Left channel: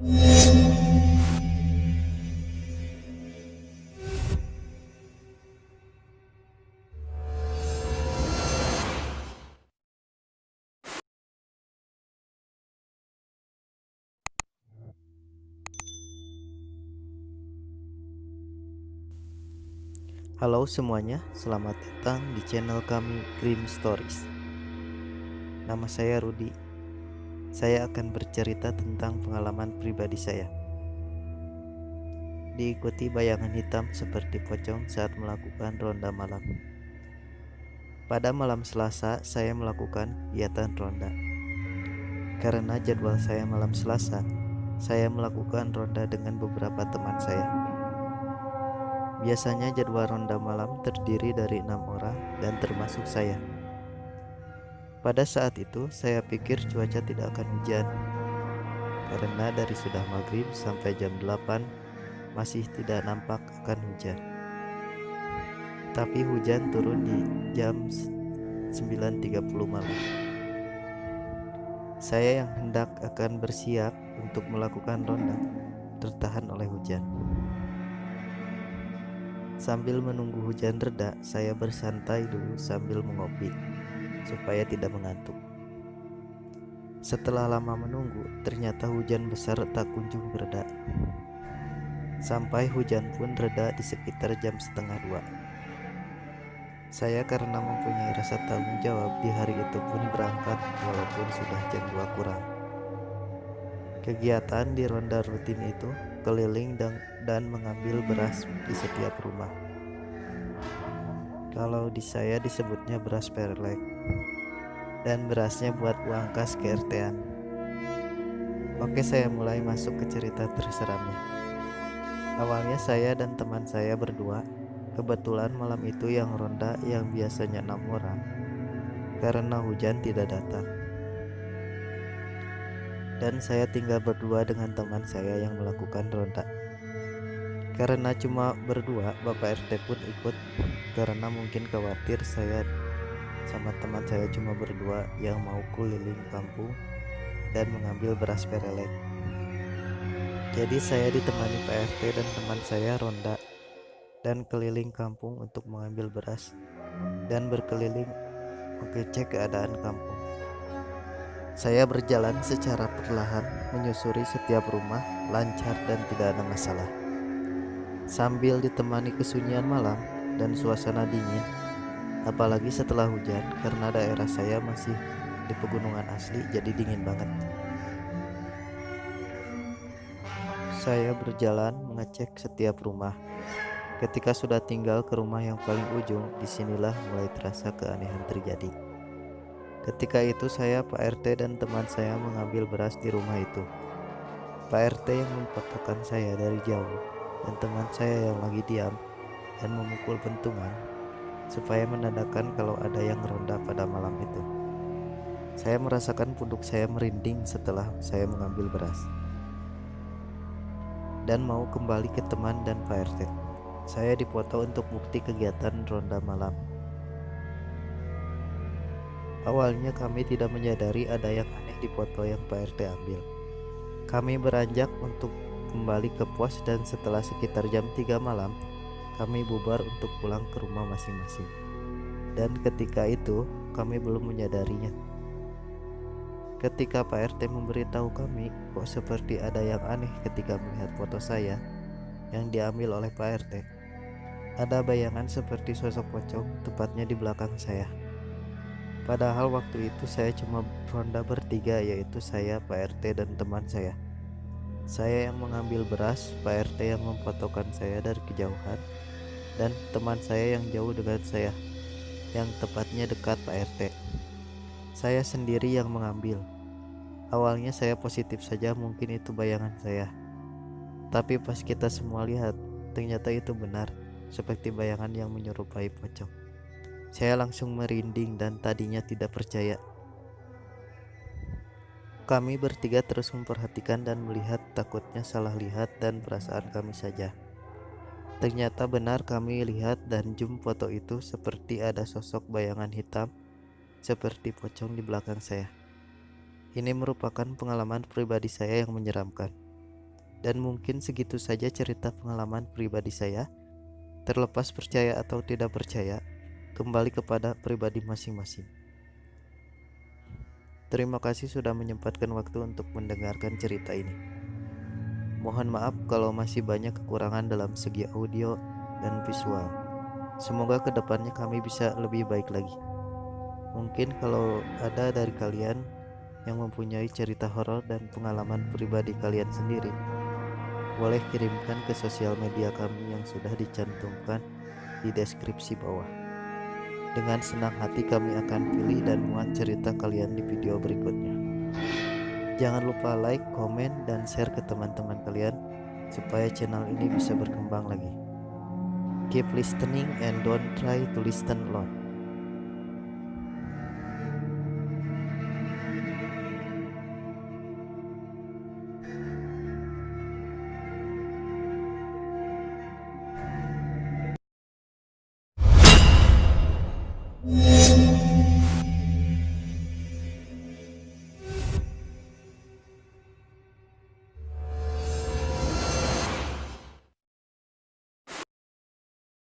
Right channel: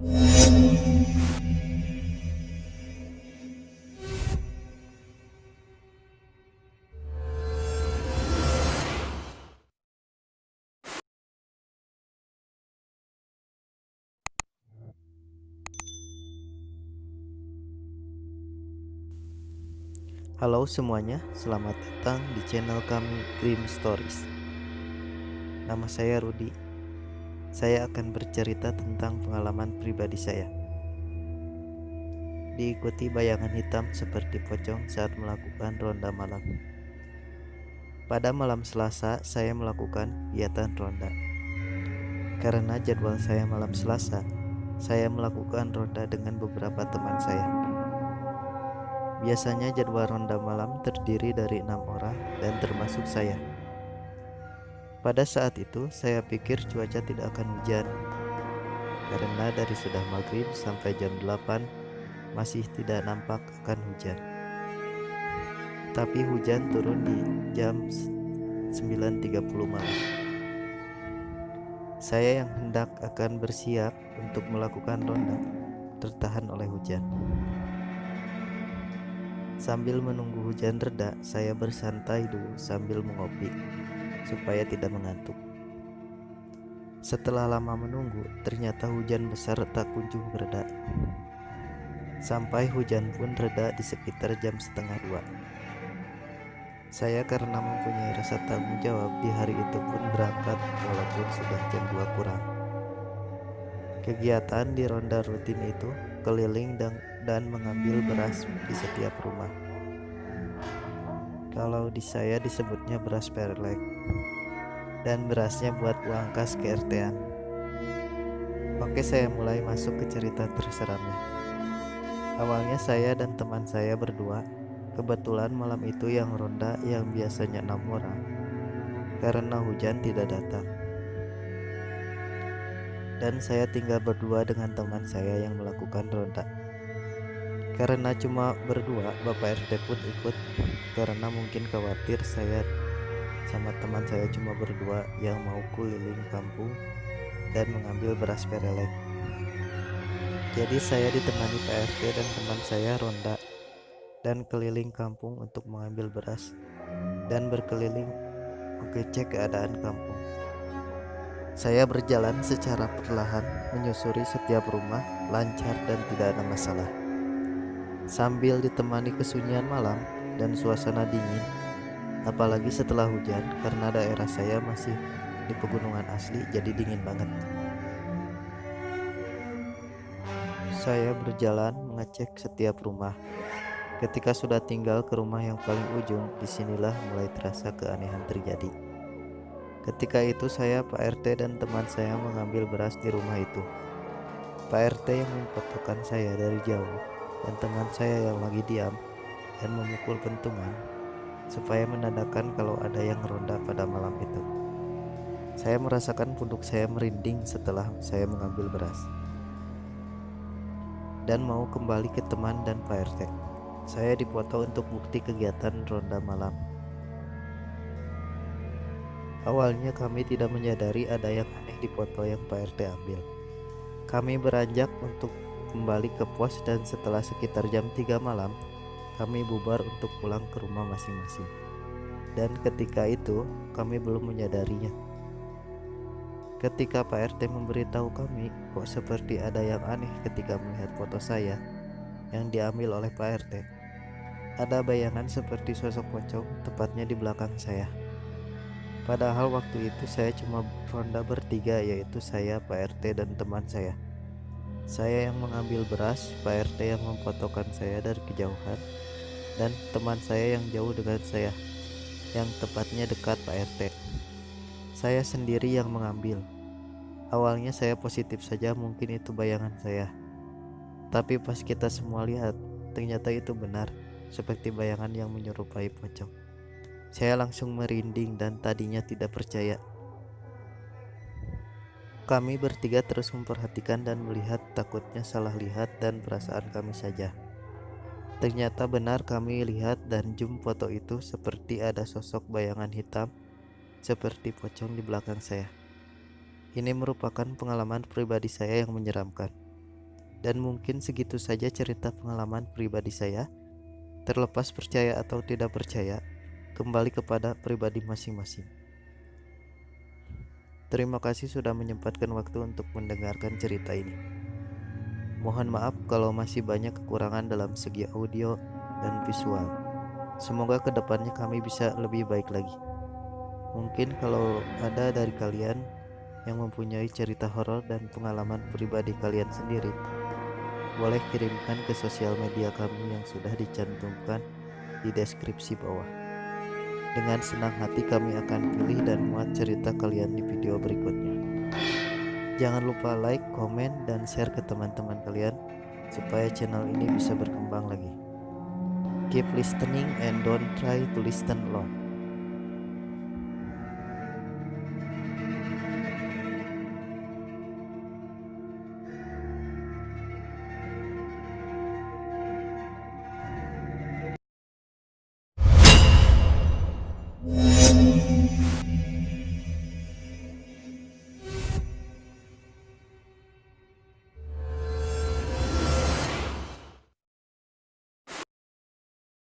Halo semuanya, selamat datang di channel kami Grim Stories. Nama saya Rudi. Saya akan bercerita tentang pengalaman pribadi saya. Diikuti bayangan hitam seperti pocong saat melakukan ronda malam. Pada malam Selasa, saya melakukan kegiatan ronda. Karena jadwal saya malam Selasa, saya melakukan ronda dengan beberapa teman saya. Biasanya jadwal ronda malam terdiri dari 6 orang dan termasuk saya. Pada saat itu saya pikir cuaca tidak akan hujan, karena dari sudah maghrib sampai jam 8 masih tidak nampak akan hujan. Tapi hujan turun di jam 9.30 malam. Saya yang hendak akan bersiap untuk melakukan ronda tertahan oleh hujan. Sambil menunggu hujan reda, saya bersantai dulu sambil mengopi supaya tidak mengantuk. Setelah lama menunggu, ternyata hujan besar tak kunjung reda. Sampai hujan pun reda di sekitar jam setengah 2. Saya karena mempunyai rasa tanggung jawab di hari itu pun berangkat walaupun sudah jam 2 kurang. Kegiatan di ronda rutin itu keliling dan mengambil beras di setiap rumah. Kalau di saya disebutnya beras perlek, dan berasnya buat uang kas ke RT-an. Oke, saya mulai masuk ke cerita terseramnya. Awalnya saya dan teman saya berdua. Kebetulan malam itu yang ronda yang biasanya 6 orang, karena hujan tidak datang. Dan saya tinggal berdua dengan teman saya yang melakukan ronda. Karena cuma berdua, Bapak RT pun ikut karena mungkin khawatir saya sama teman saya cuma berdua yang mau keliling kampung dan mengambil beras perelek. Jadi saya ditemani Pak RT dan teman saya ronda dan keliling kampung untuk mengambil beras dan berkeliling mengecek keadaan kampung. Saya berjalan secara perlahan menyusuri setiap rumah lancar dan tidak ada masalah. Sambil ditemani kesunyian malam dan suasana dingin, apalagi setelah hujan karena daerah saya masih di pegunungan asli jadi dingin banget. Saya berjalan mengecek setiap rumah. Ketika sudah tinggal ke rumah yang paling ujung, disinilah mulai terasa keanehan terjadi. Ketika itu saya, Pak RT dan teman saya mengambil beras di rumah itu. Pak RT yang memfotokan saya dari jauh dan teman saya yang lagi diam dan memukul pentungan supaya menandakan kalau ada yang ronda pada malam itu. Saya merasakan punduk saya merinding setelah saya mengambil beras dan mau kembali ke teman dan Pak RT. Saya dipoto untuk bukti kegiatan ronda malam. Awalnya kami tidak menyadari ada yang aneh di foto yang Pak RT ambil. Kami beranjak untuk kembali ke pos dan setelah sekitar jam 3 malam, kami bubar untuk pulang ke rumah masing-masing. Dan ketika itu, kami belum menyadarinya. Ketika Pak RT memberitahu kami, kok seperti ada yang aneh ketika melihat foto saya yang diambil oleh Pak RT. Ada bayangan seperti sosok pocong tepatnya di belakang saya. Padahal waktu itu saya cuma ronda bertiga, yaitu saya, Pak RT, dan teman saya. Saya yang mengambil beras, Pak RT yang memfotokan saya dari kejauhan, dan teman saya yang jauh dengan saya, yang tepatnya dekat Pak RT. Saya sendiri yang mengambil. Awalnya saya positif saja, mungkin itu bayangan saya. Tapi pas kita semua lihat, ternyata itu benar, seperti bayangan yang menyerupai pocong. Saya langsung merinding dan tadinya tidak percaya. Kami bertiga terus memperhatikan dan melihat, takutnya salah lihat dan perasaan kami saja. Ternyata benar kami lihat dan zoom foto itu seperti ada sosok bayangan hitam seperti pocong di belakang saya. Ini merupakan pengalaman pribadi saya yang menyeramkan. Dan mungkin segitu saja cerita pengalaman pribadi saya. Terlepas percaya atau tidak percaya, kembali kepada pribadi masing-masing. Terima kasih sudah menyempatkan waktu untuk mendengarkan cerita ini. Mohon maaf kalau masih banyak kekurangan dalam segi audio dan visual. Semoga kedepannya kami bisa lebih baik lagi. Mungkin kalau ada dari kalian yang mempunyai cerita horor dan pengalaman pribadi kalian sendiri, boleh kirimkan ke sosial media kami yang sudah dicantumkan di deskripsi bawah. Dengan senang hati kami akan pilih dan muat cerita kalian di video berikutnya. Jangan lupa like, komen, dan share ke teman-teman kalian supaya channel ini bisa berkembang lagi. Keep listening and don't try to listen alone.